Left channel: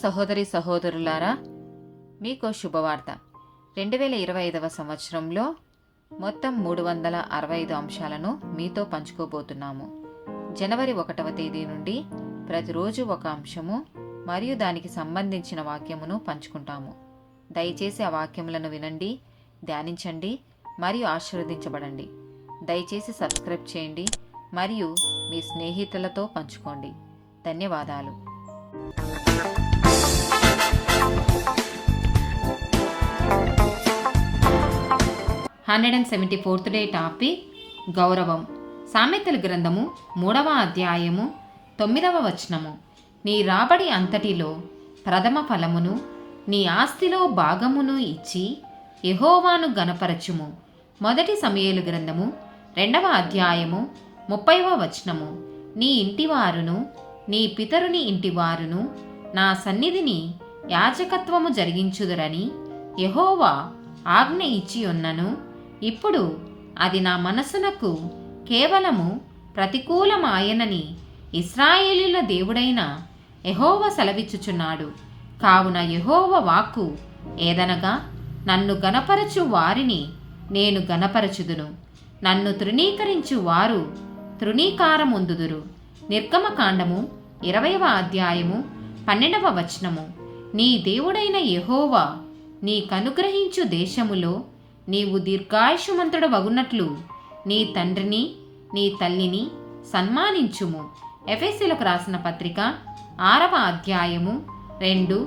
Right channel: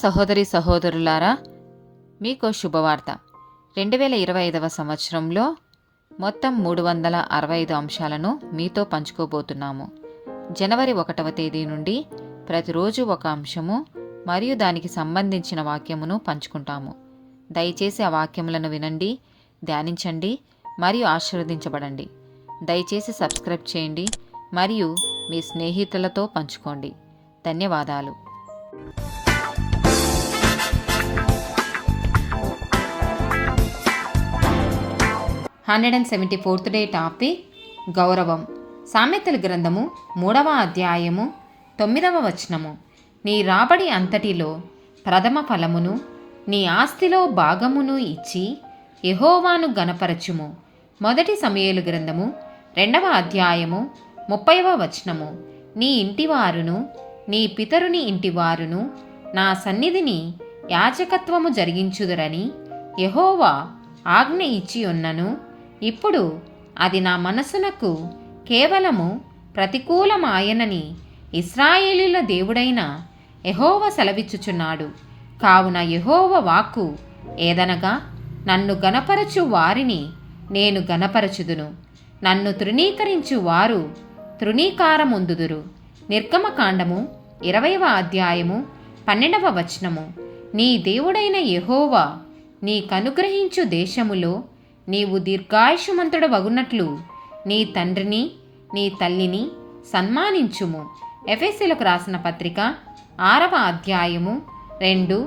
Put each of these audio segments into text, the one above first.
సహోదరి సహోదరులారా, మీకు శుభవార్త. 2025 సంవత్సరంలో మొత్తం 365 అంశాలను మీతో పంచుకోబోతున్నాము. జనవరి 1వ తేదీ నుండి ప్రతిరోజు ఒక అంశము మరియు దానికి సంబంధించిన వాక్యమును పంచుకుంటాము. దయచేసి ఆ వాక్యములను వినండి, ధ్యానించండి మరియు ఆశీర్వదించబడండి. దయచేసి సబ్స్క్రైబ్ చేయండి మరియు మీ స్నేహితులతో పంచుకోండి. ధన్యవాదాలు. 174th డే టాపిక్ గౌరవం. సామెతల గ్రంథము 3వ అధ్యాయము 9వ వచనము. నీ రాబడి అంతటిలో ప్రథమ ఫలమును నీ ఆస్తిలో భాగమును ఇచ్చి యెహోవాను గణపరచుము. మొదటి సమూయేలు గ్రంథము 2వ అధ్యాయము 30వ వచనము. నీ ఇంటివారును నీ పితరుని ఇంటివారును నా సన్నిధిని యాజకత్వము జరిగించుదురని యెహోవా ఆజ్ఞ ఇచ్చి ఉన్నను. ఇప్పుడు అది నా మనసునకు కేవలము ప్రతికూలమాయనని ఇశ్రాయేలీల దేవుడైన యెహోవా సెలవిచ్చుచున్నాడు. కావున యెహోవా వాక్కు ఏదనగా, నన్ను గణపరచు వారిని నేను గణపరచుదును, నన్ను తృణీకరించు వారు తృణీకారముందుదురు. నిర్గమకాండము 20వ అధ్యాయము 12వ వచనము. నీ దేవుడైన యెహోవా నీకనుగ్రహించు దేశములో నీవు దీర్ఘాయుష్మంతుడవగునట్లు నీ తండ్రిని నీ తల్లిని సన్మానించుము. ఎఫెసీయులకు రాసిన పత్రిక 6వ అధ్యాయము 2,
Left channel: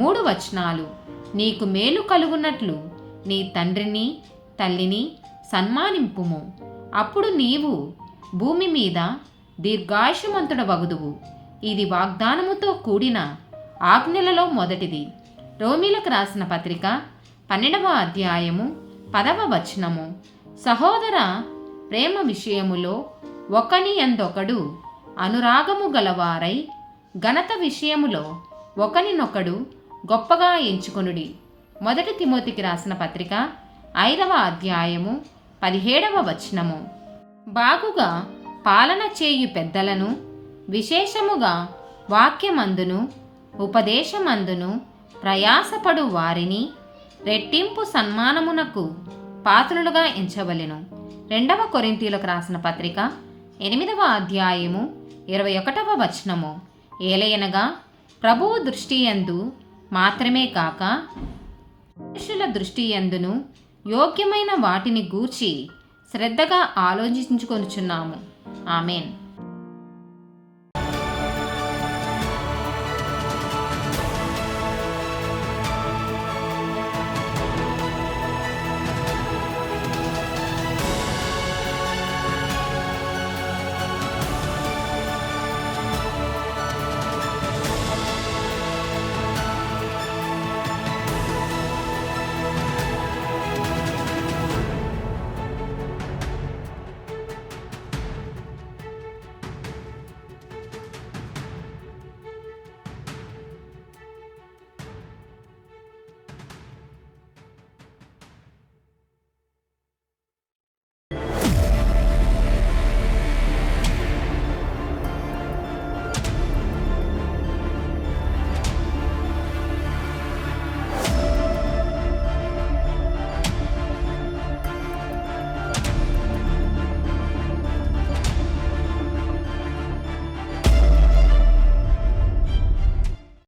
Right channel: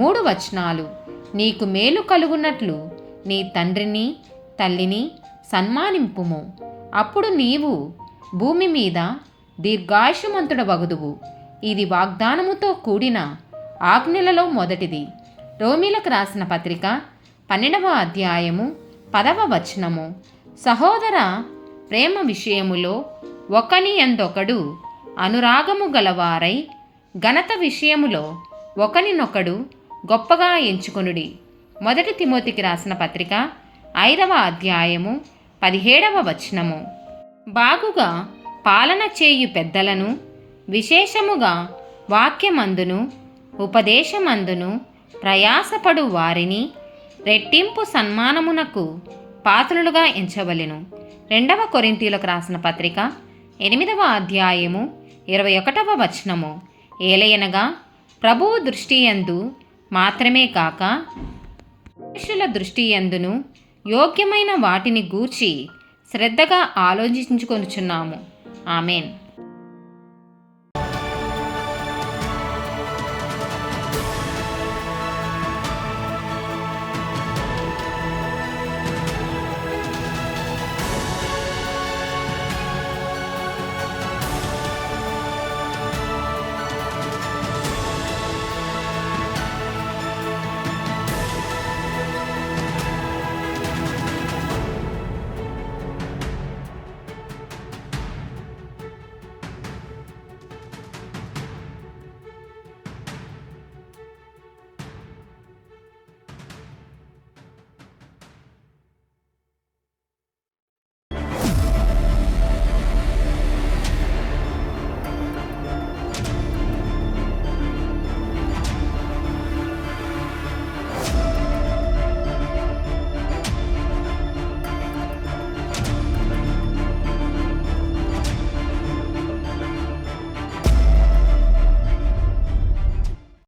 3 వచనాలు. నీకు మేలు కలుగునట్లు నీ తండ్రిని తల్లిని సన్మానింపుము, అప్పుడు నీవు భూమి మీద దీర్ఘాయుష్మంతుడవగుదువు. ఇది వాగ్దానముతో కూడిన ఆజ్ఞలలో మొదటిది. రోమీలకు రాసిన పత్రిక 12వ అధ్యాయము 10వ వచనము. సహోదర ప్రేమ విషయములో ఒకని యందొకడు అనురాగము గలవారై ఘనత విషయములో ఒకనినొకడు గొప్పగా ఎంచుకొనుడి. మొదటి తిమోతికి రాసిన పత్రిక 5వ అధ్యాయము 17వ వచనము. బాగుగా పాలన చేయు పెద్దలను, విశేషముగా వాక్యమందును ఉపదేశమందును ప్రయాసపడు వారిని రెట్టింపు సన్మానమునకు పాత్రులుగా ఎంచవలెను. 2వ కొరింథీయులకు రాసిన పత్రిక 8వ అధ్యాయము 21వ వచనము. ఏలయనగా ప్రభువు దృష్టియందు మాత్రమే కాక మనుషుల దృష్టియందును యోగ్యమైన వాటిని గూర్చి శ్రద్ధగా ఆలోచించుకొనుచున్నాము. ఆమెన్.